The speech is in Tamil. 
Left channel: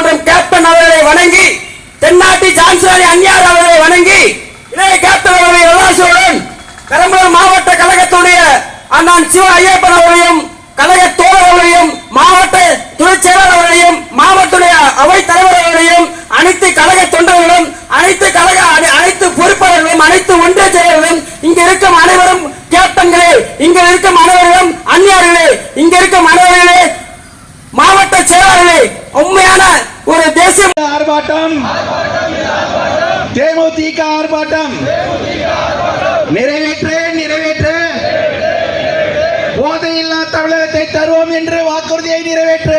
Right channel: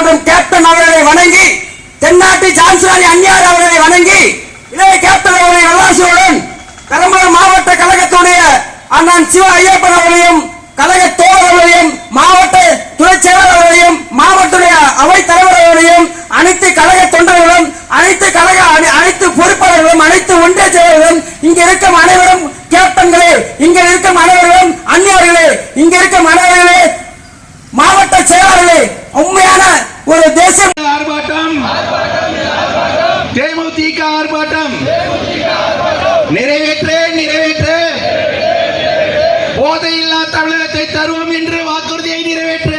ஒன்றியம் கேப்டன் அவர்களை வணங்கி, தென்னாட்டு சான்சலர் அந்நியார் அவர்களை வணங்கி, இளைய கேப்டன் அவர்களை விளாசுடன் பெரம்பலூர் மாவட்ட கழகத்துடைய அண்ணன் சிவ ஐயப்பன் அவர்களையும், கழக தோழர்களையும், மாவட்ட துணை செயலர் அவர்களையும், மாவட்ட அவைத் தலைவர் அவர்களையும், அனைத்து கழக தொண்டர்களும், அனைத்து பொறுப்பாளர்களும், அனைத்து ஒன்றிய செயலர்களும், இங்க இருக்கும் அனைவரும் கேப்டன்களே, இங்க இருக்கும் அனைவரும் அந்நியர்களே, இங்க இருக்கும் அனைவர்களே மாவட்ட செயலாளர்களே, உண்மையான ஒரு தேசிய ஆர்ப்பாட்டம், தேமுதிக ஆர்ப்பாட்டம் நிறைவேற்று போதையில்லா தமிழகத்தை தருவோம் என்று வாக்குறுதியை நிறைவேற்று.